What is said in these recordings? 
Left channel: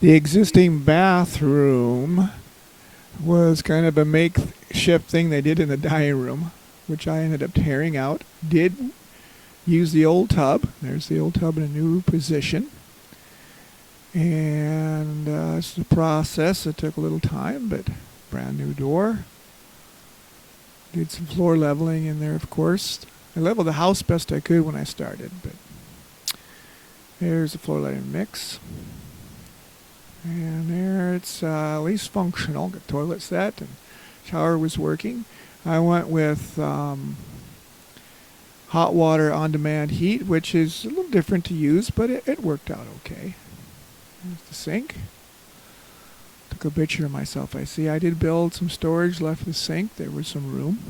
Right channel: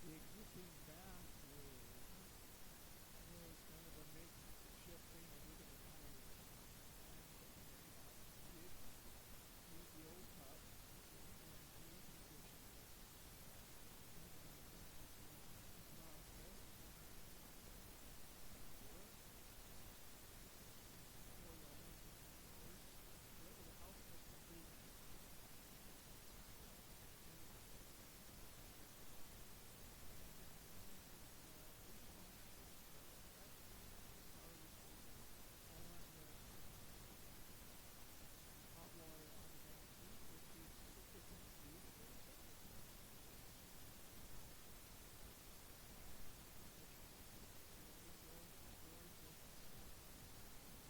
The existing bathroom was kind of a makeshift thing they did in the dining room, which I ended up tearing out. Did use the old tub. There's the old tub in a new position. And it's a process. It took a little time, but brand new door. Did some floor leveling in there, of course. I leveled the house best I could when I started, but there's the floor leveling mix. And there it's at least functional. Got toilet set and shower was working. I went with hot water on-demand heat, which is a little different to use, but it worked out okay. There's the sink. Took a picture of myself. I see I did build some storage left the sink. There was some room.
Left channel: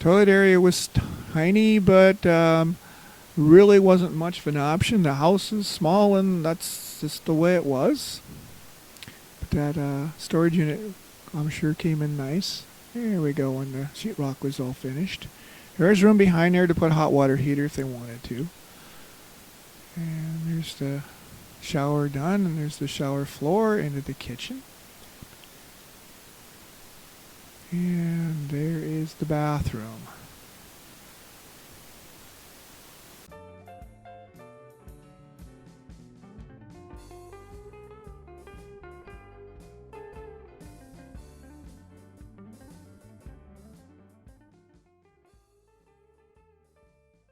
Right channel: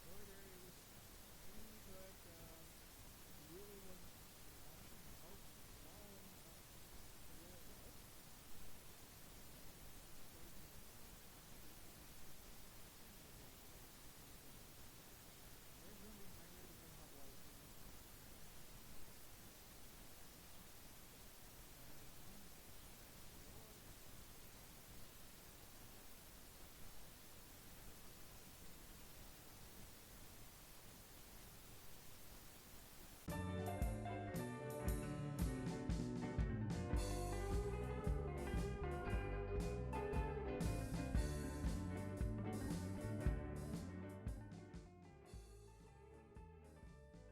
Toilet area was tiny, but really wasn't much of an option. The house is small, and that's just the way it was. But that storage unit, I'm sure, came in nice. There we go, when the sheetrock was all finished. There's room behind there to put a hot water heater if they wanted to. And there's the shower done, and there's the shower floor into the kitchen. And there is the bathroom.